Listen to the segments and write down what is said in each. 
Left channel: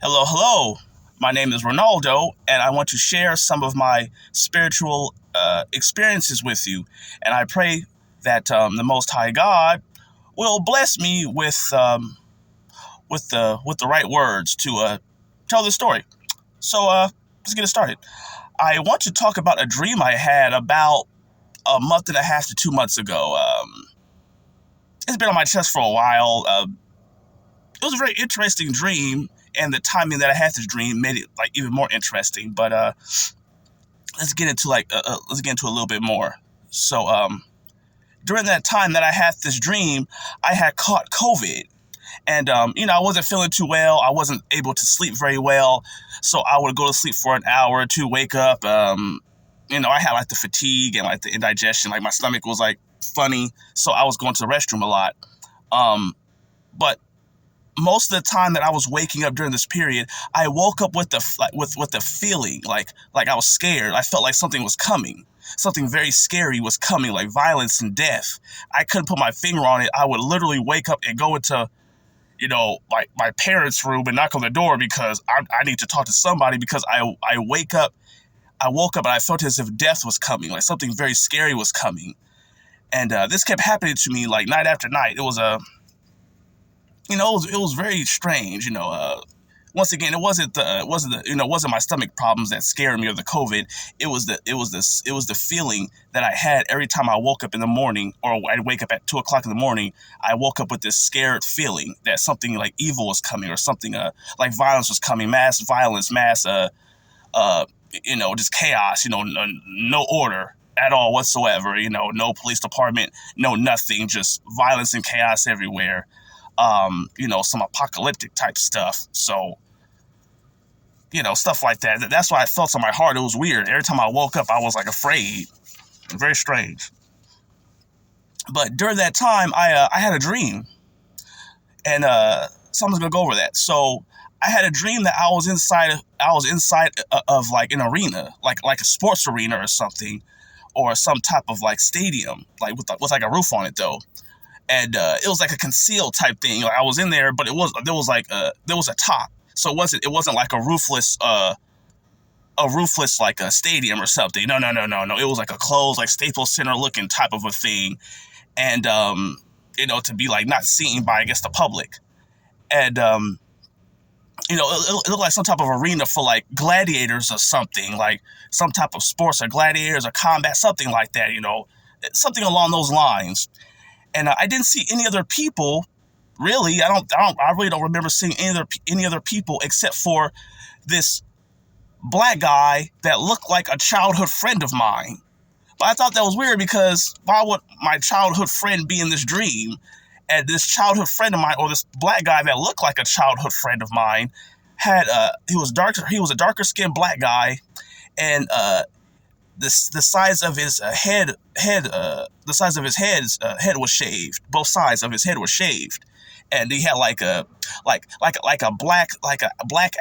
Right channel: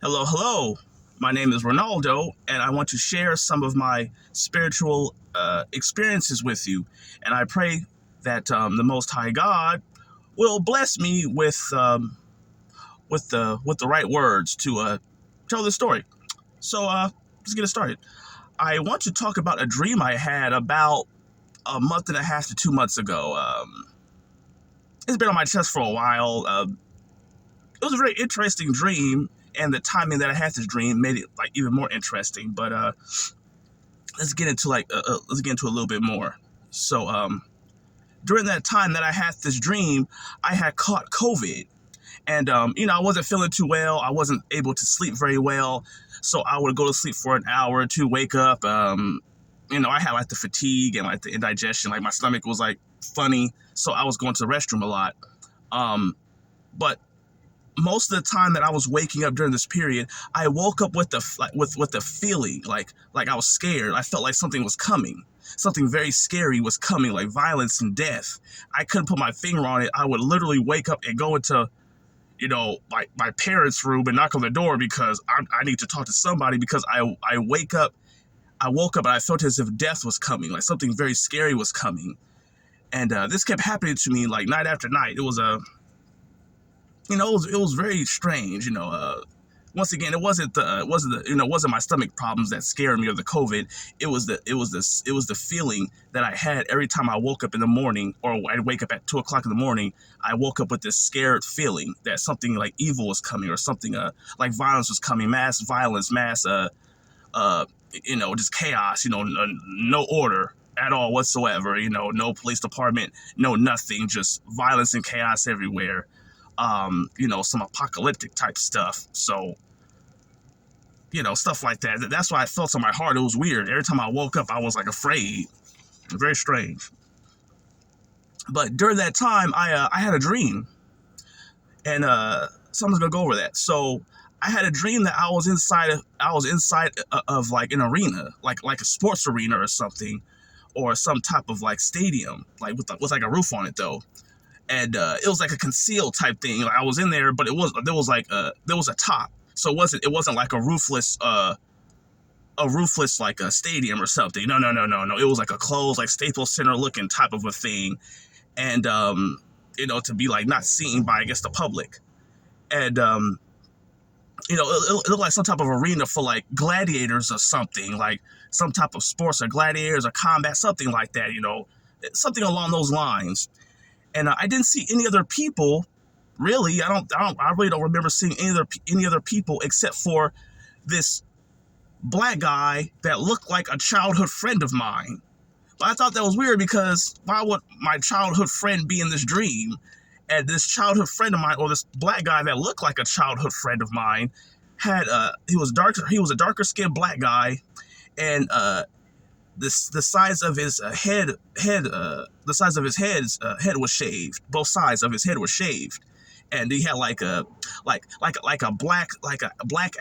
Hello, hello. My name is Ronaldo, and I want to share some of my spiritual experiences with you. And I pray that the Most High God will bless me with the right words to tell the story. So let's get it started. I want to talk about a dream I had about a month and a half to 2 months ago. It's been on my chest for a while. It was a very interesting dream, and the timing that I had this dream made it like even more interesting. But let's get into a little bit more. So during that time that I had this dream, I had caught COVID, and I wasn't feeling too well. I wasn't able to sleep very well, so I would go to sleep for an hour or two, wake up. I had like the fatigue and like the indigestion, like my stomach was like funny, so I was going to the restroom a lot. But most of the time that I was waking up during this period, I woke up with the feeling like I was scared. I felt like something was coming. Something very scary was coming, like violence and death. I couldn't put my finger on it. I would literally wake up and go into, like my parents' room and knock on the door because I need to talk to somebody because I woke up and I felt as if death was coming, like something very scary was coming. And this kept happening to me like night after night. It was it was very strange. Once again, it wasn't my stomach problems that scared me or the COVID. It was the feeling that I had every time I woke up in the morning, or I'd wake up at 2 o'clock in the morning. I woke up with this scared feeling that something like evil was coming, or something like violence was coming, mass violence, mass just chaos. No order at all whatsoever. No police department, no nothing, just violence and chaos everywhere. Some apocalyptic type stuff. So, stuff like that. That's why I felt in my heart. It was weird. Every time I woke up, I was like afraid. Very strange. But during that time, I had a dream, and someone's gonna go over that. So I had a dream that I was inside of like an arena, like a sports arena or something, or some type of like stadium, like with like a roof on it though. And it was like a concealed type thing. Like I was in there, but there was a top, so it wasn't like a roofless like a stadium or something. No. It was like a closed, like Staples Center looking type of a thing, and to be like not seen by, I guess, the public. And it looked like some type of arena for like gladiators or something, like some type of sports or gladiators or combat, something like that. Something along those lines. And I didn't see any other people, really. I really don't remember seeing any other people except for this black guy that looked like a childhood friend of mine. But I thought that was weird because why would my childhood friend be in this dream? And this childhood friend of mine, or this black guy that looked like a childhood friend of mine, he was a darker skinned black guy, and the size of his head was shaved. Both sides of his head were shaved, and he had like a black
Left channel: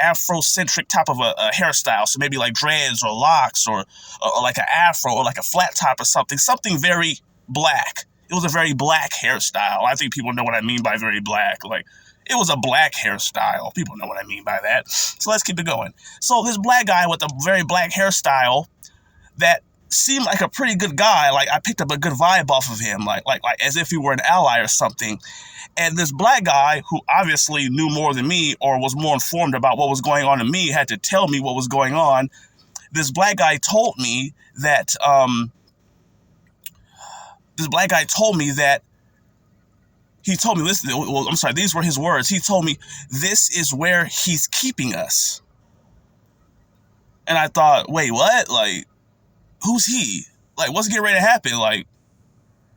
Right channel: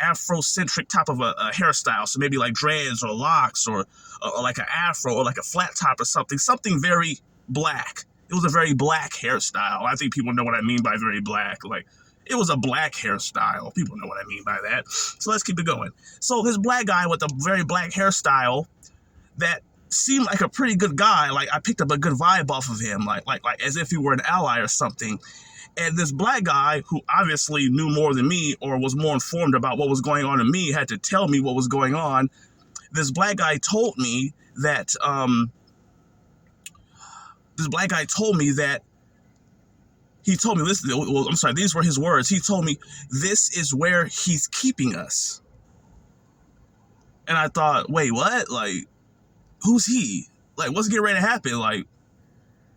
Afrocentric type of a hairstyle. So maybe like dreads or locks, or like an afro, or like a flat top or something very black. It was a very black hairstyle. I think people know what I mean by very black. Like, it was a black hairstyle. People know what I mean by that. So let's keep it going. So this black guy with a very black hairstyle that seemed like a pretty good guy. Like, I picked up a good vibe off of him, like as if he were an ally or something. And this black guy, who obviously knew more than me, or was more informed about what was going on in me, had to tell me what was going on. This black guy told me that he told me this. Well, I'm sorry, these were his words. He told me, "This is where he's keeping us." And I thought, wait, what? Like, who's he? Like, what's getting ready to happen? Like,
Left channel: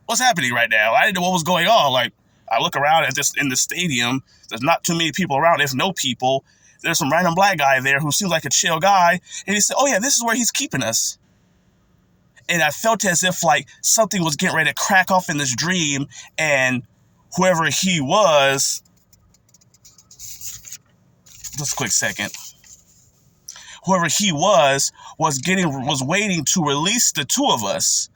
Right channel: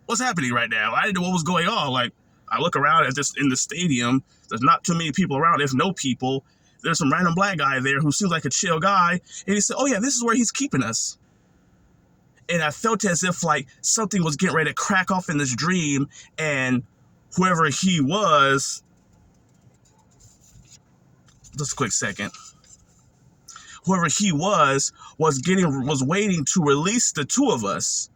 what's happening right now? I didn't know what was going on. Like, I look around in the stadium. There's not too many people around, if no people. There's some random black guy there who seems like a chill guy. And he said, "Oh yeah, this is where he's keeping us." And I felt as if like something was getting ready to crack off in this dream, and whoever he was, just a quick second. Whoever he was waiting to release the two of us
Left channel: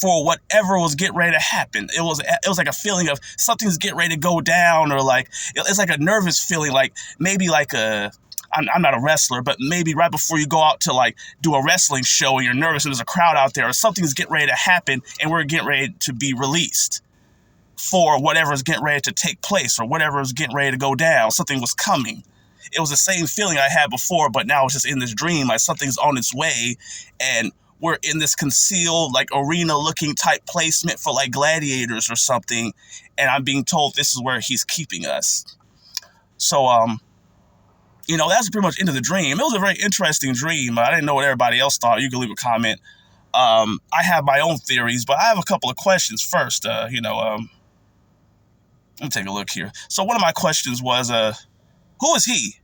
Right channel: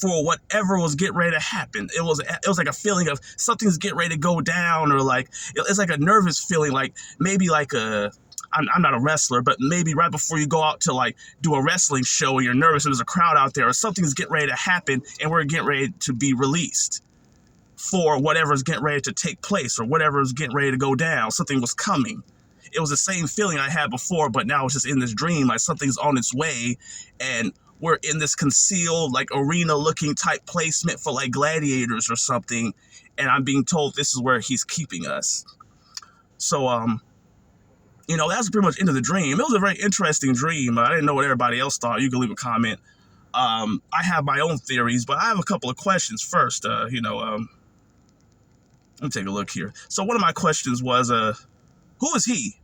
for whatever was getting ready to happen. It was like a feeling of something's getting ready to go down, or like it's like a nervous feeling, like maybe like I'm not a wrestler, but maybe right before you go out to like do a wrestling show and you're nervous and there's a crowd out there or something's getting ready to happen and we're getting ready to be released for whatever's getting ready to take place or whatever's getting ready to go down. Something was coming. It was the same feeling I had before, but now it's just in this dream, like something's on its way and we're in this concealed like arena looking type placement for like gladiators or something. And I'm being told this is where he's keeping us. So, that's pretty much into the dream. It was a very interesting dream. I didn't know what everybody else thought. You can leave a comment. I have my own theories, but I have a couple of questions first. Let me take a look here. So one of my questions was, who is he?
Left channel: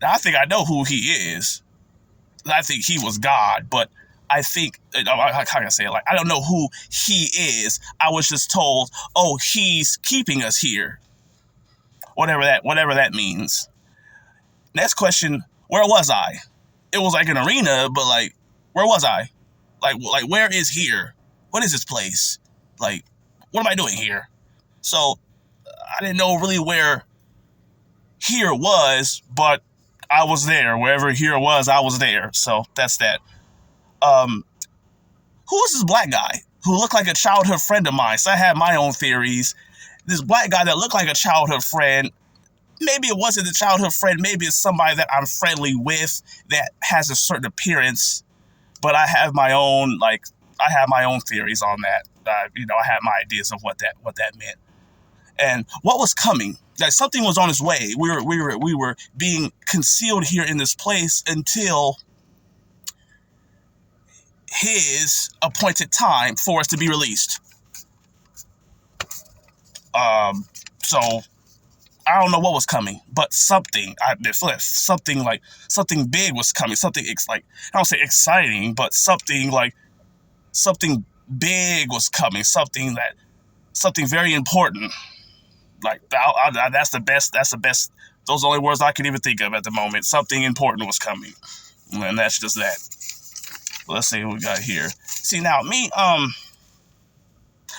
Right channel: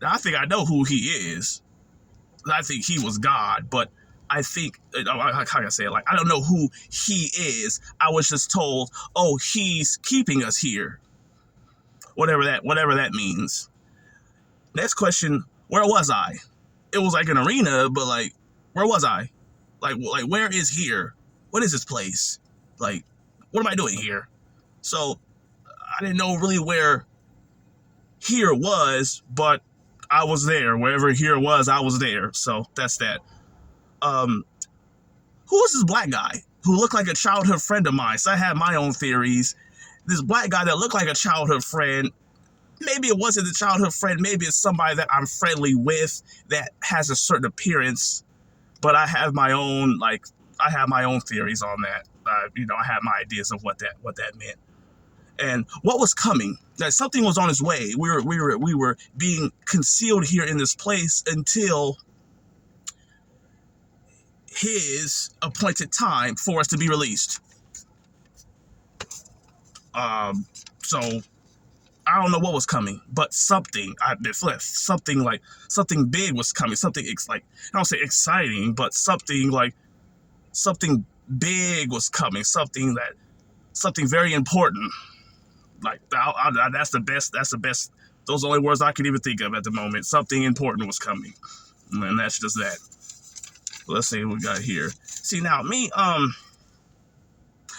Now, I think I know who he is. I think he was God, but I think, how can I say it? Like, I don't know who he is. I was just told, oh, he's keeping us here. Whatever that means. Next question, where was I? It was like an arena, but like, where was I? Like where is here? What is this place? Like, what am I doing here? So, I didn't know really where here was, but I was there. Wherever here was, I was there. So, that's that. Who was this black guy who looked like a childhood friend of mine? So, I had my own theories. This black guy that looked like a childhood friend, maybe it wasn't a childhood friend, maybe it's somebody that I'm friendly with that has a certain appearance, but I have my own theories on that. I had my ideas of what that meant. And what was coming, that something was on its way. We were being concealed here in this place until his appointed time for us to be released. So I don't know what was coming, but something big was coming. Something I don't say exciting, but something big was coming. Something very important. Like that's the best. Those are the only words I can even think of at the moment. Something important was coming, and that's just that. Let's see what we got here. See now, me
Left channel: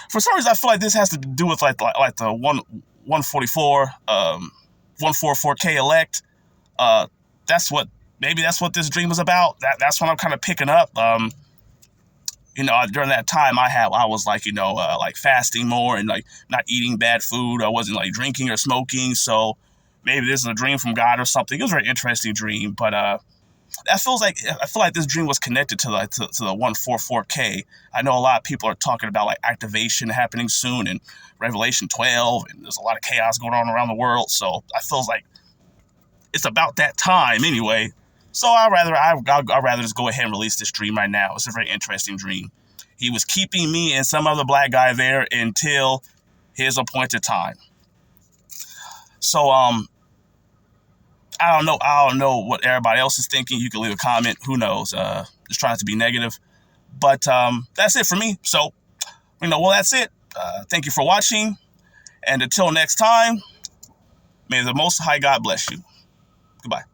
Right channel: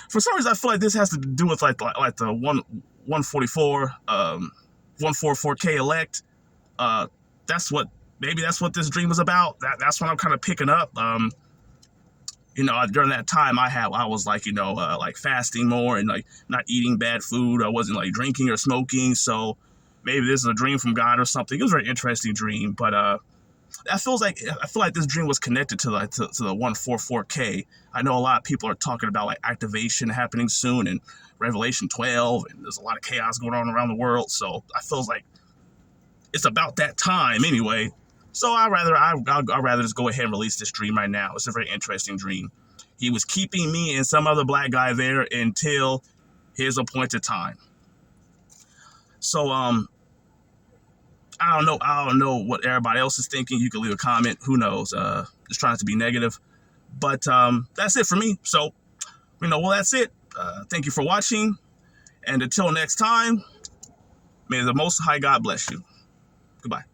for some reason I feel like this has to do with like the 144, 144K elect. That's what this dream is about. That's what I'm kind of picking up. During that time I was like, like fasting more and like not eating bad food. I wasn't like drinking or smoking. So maybe this is a dream from God or something. It was a very interesting dream, but I feel like this dream was connected to the 144K. I know a lot of people are talking about like activation happening soon in Revelation 12, and there's a lot of chaos going on around the world. So I feel like it's about that time anyway. So I'd rather just go ahead and release this dream right now. It's a very interesting dream. He was keeping me and some other black guy there until his appointed time. So I don't know what everybody else is thinking. You can leave a comment. Who knows? Just trying to be negative. But that's it for me. So, that's it. Thank you for watching. And until next time, may the Most High God bless you. Goodbye.